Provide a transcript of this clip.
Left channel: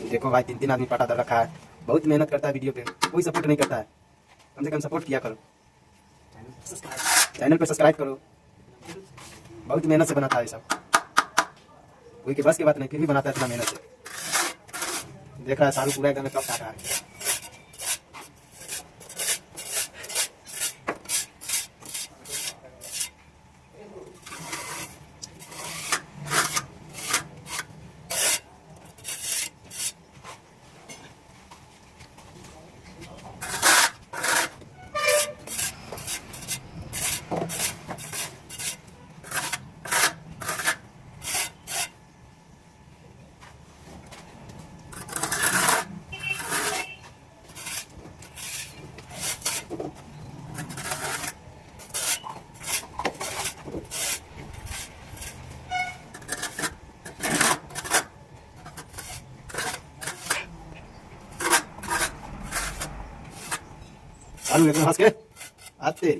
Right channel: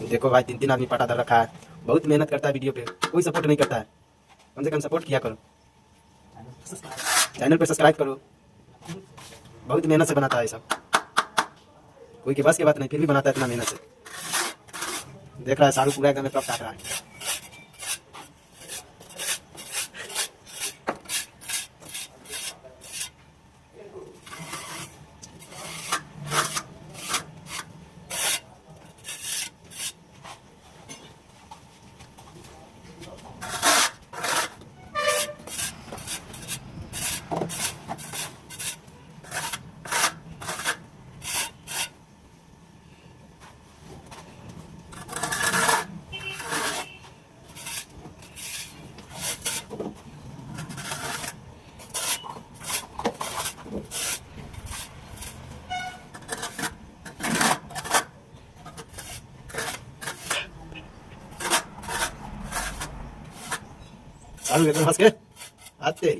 तो देखो भाई 3-3 आदमी पटादार रखा है, बहुत मेहनत करता है वीडियो पे, कोई सपोर्ट नहीं करता है। कम से कम सपोर्ट किया करो, चैनल पे सब्सक्राइब करो। बहुत मेहनत से बनाता है सब, कोई के बस की बात नहीं, फिर भी बनाता है इतना मेहनत से। देख रहा है शाहरुख पूरा एकदम ट्रक काट रहा है। शाहरुख एकदम हंस के आते